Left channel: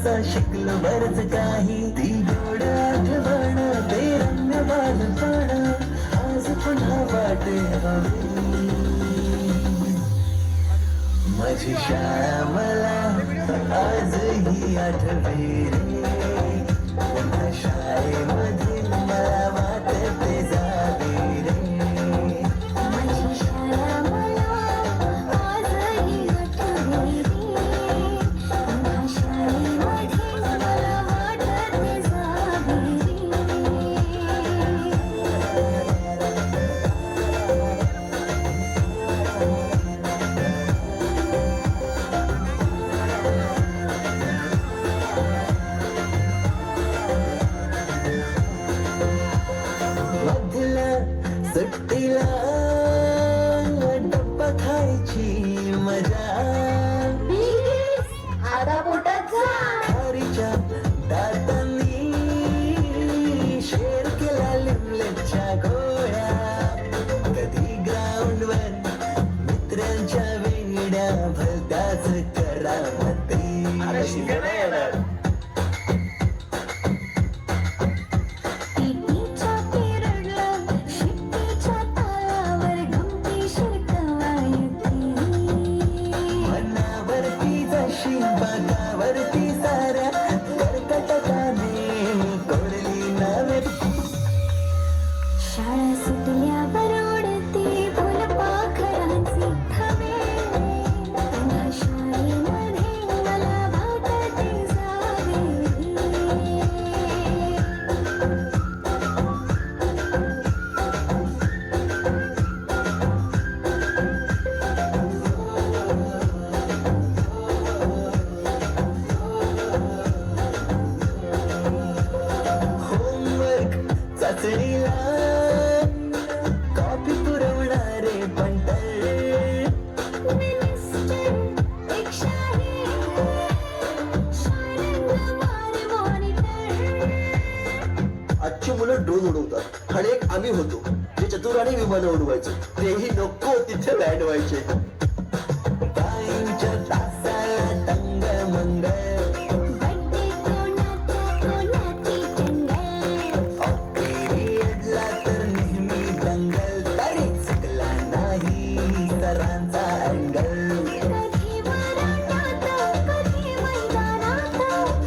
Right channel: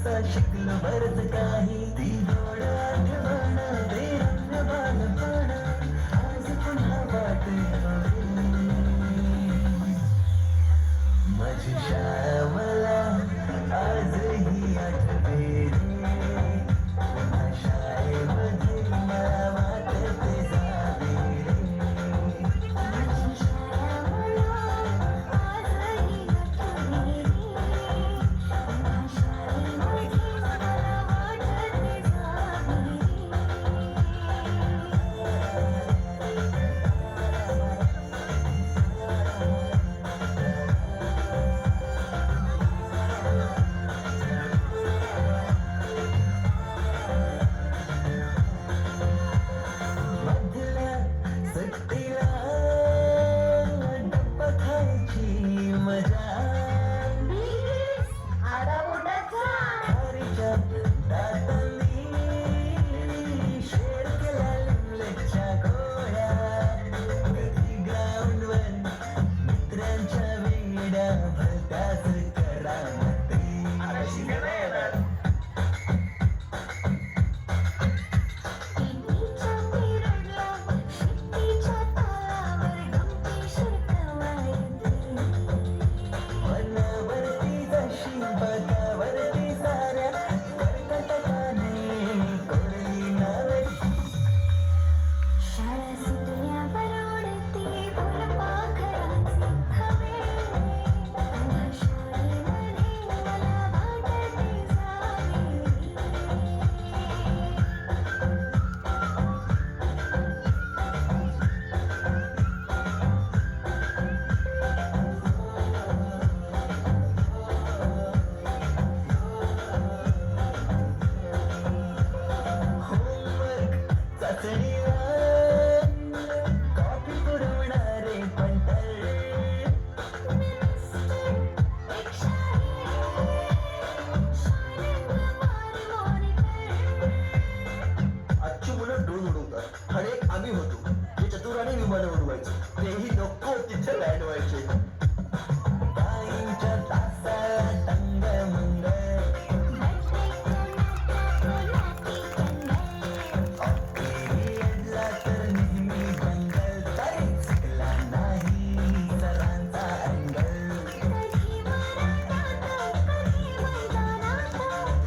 तुमचा शिकलो बरच काही ती गोड आठवण ते रम्य बालपण आज पुन्हा वाटे हवी माझी शाळा मला आजही आठवे रे पुन्हा शाळेमध्ये मला वाटते जावे रे माझी शाळा मला आजही आठवते रे पुन्हा शाळेमध्ये मला वाटते जावे मधल्या सुट्टीला डब्बा खायची मजा आता पोटात जा खारीच्या दातांनी शेर केला लिमलेटच्या गोळ्या कधी ग्राउंडवर मित्रांच्या वेड्या भलत्याच करामती पिटीच्या पिरडला शिट्टीच्या तालावर गमती शिरकवायती मनावरती जशी बागावरती साऱ्या कर्कटकाने कोरली नवे शाळा सुटल्यावर उडती फुलपाखरांची थवे पुन्हा शाळेमध्ये मला वाटते जावे होमवर्क चाचणीला कॉपी पुरवणारे पंटळे मिनिस्टर एक शाही शाळेंद्रमार मॉनिटर आजची मुलं ड्रोन उडवतात आणि एक आम्ही होतो जे चतुराने विमानं उडवायचो तेही नको तिथे लँड व्हायचे टाईमच्या तासाला तंग मंगळ बड्डे कोणाची टंगल पिरियडला तर नेहमी दंगल तरी चुकला नाही सरांचा अँगल कधी वराडात कधी मैदानात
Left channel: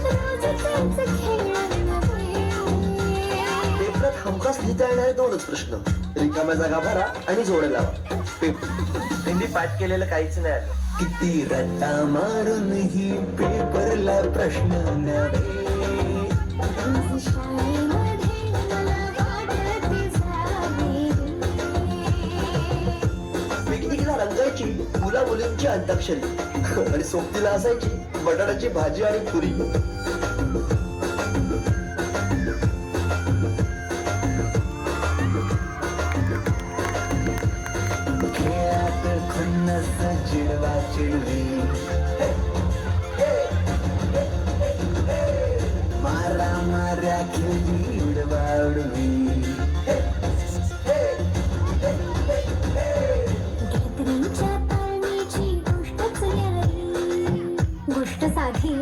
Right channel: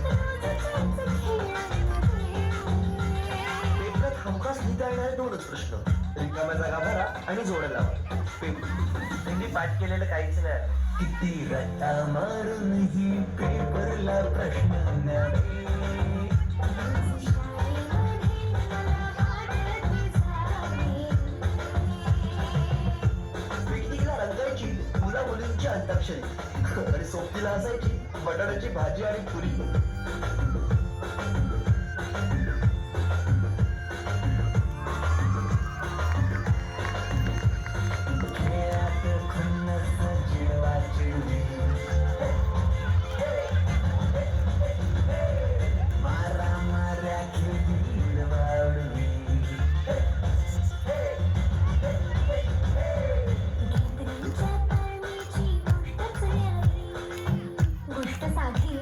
रोज तेच खेळ नव्हे पेपरात हमखास लिहिता येणारे दोनच प्रश्न रिकाम्या जागा भरा आणि जोड्या लावा हिंदी पाठ केलेलं काहीच नाही किती रट्टा मारूनही पेपरला प्रश्न नव्हे रोज शाळेमध्ये मला वाटते जावे पिकनिकला रंगायची मुला मुलींची अंताक्षरी आणि सोबतीला असायची बटाट्याची भाजी आणि पुरी खेळात खुन्नस चिडवा चिडवी मारा माऱ्या खेळली उडवा उडवी गॅदरिंगच्या तालमीची गोष्टच न्यारी गोष्ट साधी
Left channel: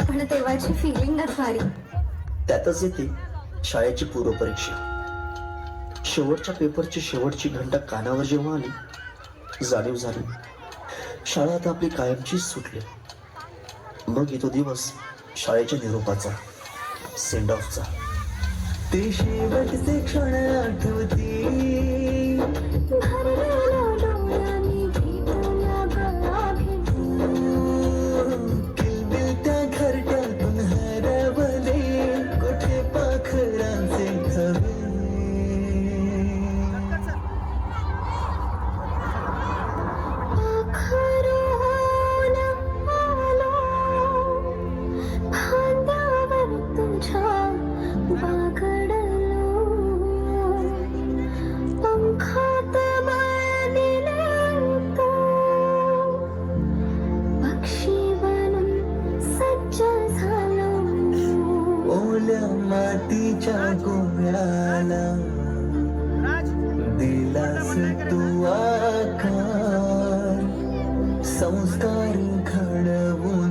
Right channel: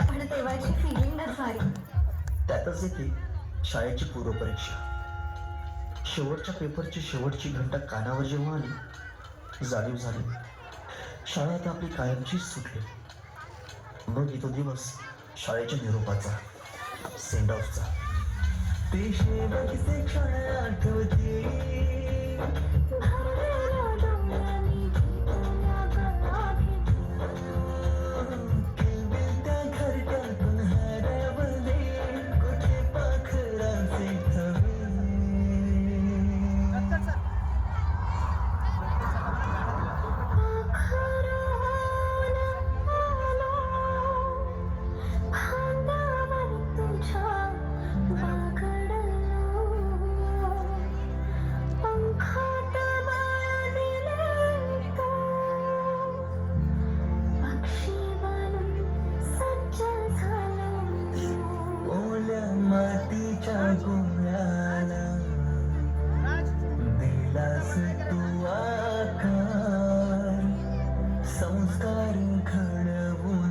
पण तेव्हाची फिलिंगच भारी त्यातच येते शाळेची पूर्वपरीक्षा शेवटच्या पेपरची शेवटची घंटा कानावर जेव्हा आली जाणीव झाली शाळा आता आपली कायमचीच सुटली मग येतो दिवस शाळेच्या निरोपाचा सेंड ऑफचा ते शेवटचे क्षण आठवती भरलेल्या डोळ्यांनी भेटला गळा भेटू किलबिलत्या घरट्यातून हरवले कुठे पाखरांचे थवे खांद्यावर तुझ्या बागडलो पंखात बांधलेलो पक्षी बनून सज्ज झालो ओल्या मातीच्या गोळ्याला दिलास तू आकार संस्कार घडवून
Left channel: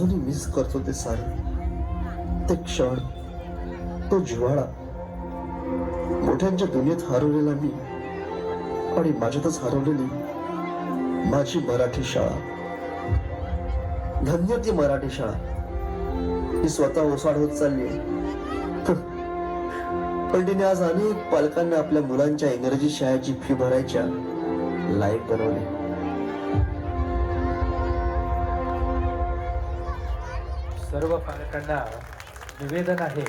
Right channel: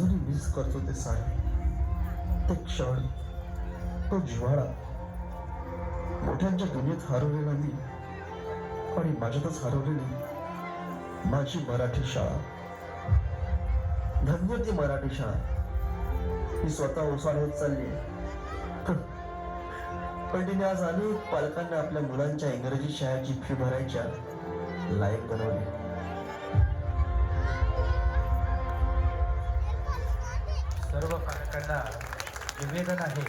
अजूनही मिस करतो ते सारे, ते क्षण, तो जिव्हाळा. मोठ्यांच्या दुनियेत हरवलेला मी आणि माझ्यातच हरवलेली माझी मराठी शाळा. धन्य ती मराठी शाळा, ती स्वतः ओसाड होत चालली आहे. पण तिने आज अनेक पालकांना आपल्या मुलांच्या इंग्रजी शाळेची फी भरायच्या लायक बनवले. सर्व पालकांना निवेदन आहे